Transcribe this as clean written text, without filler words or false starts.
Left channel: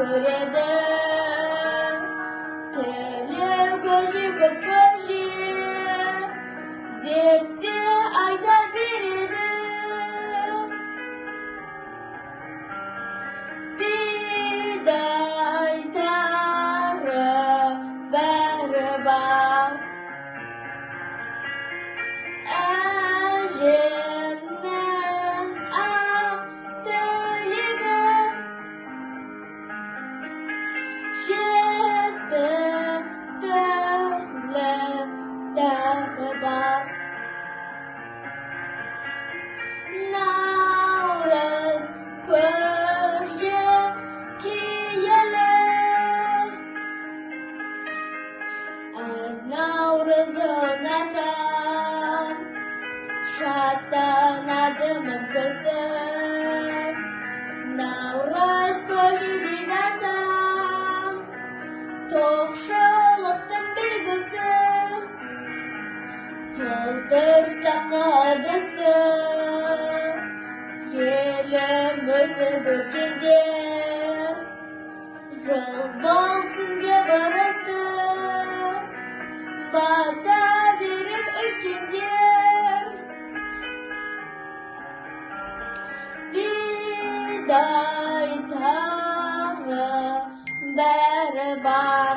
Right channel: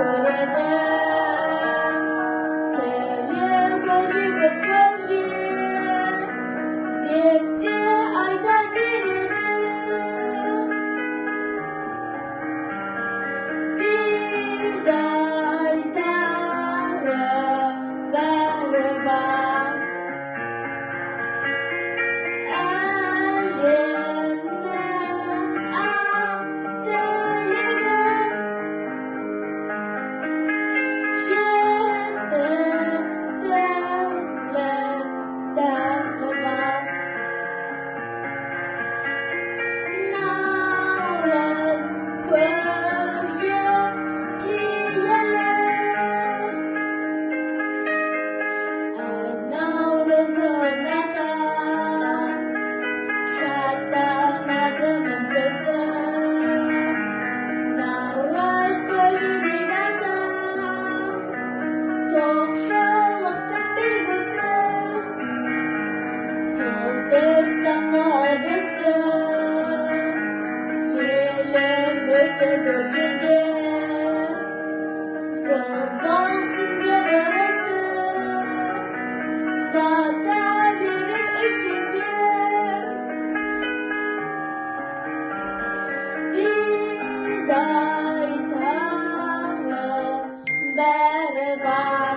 көреді. Тілі көші көп көші деп те айта береді. Бидайтары бәрі бар. Әжемнің ақ тілегі жеті түрлі дәмі бар. Наурыз көже киелі, әз наурыздың атам, шаттанады мүмкісі. Наурыз көже дейді атам, тоқшылықтың белгісі. Толтырса қадысты, елім өсіп өркендер, жыл болсын деп ырысты, бата берер үлкендер. Бидайтары бәрі бар.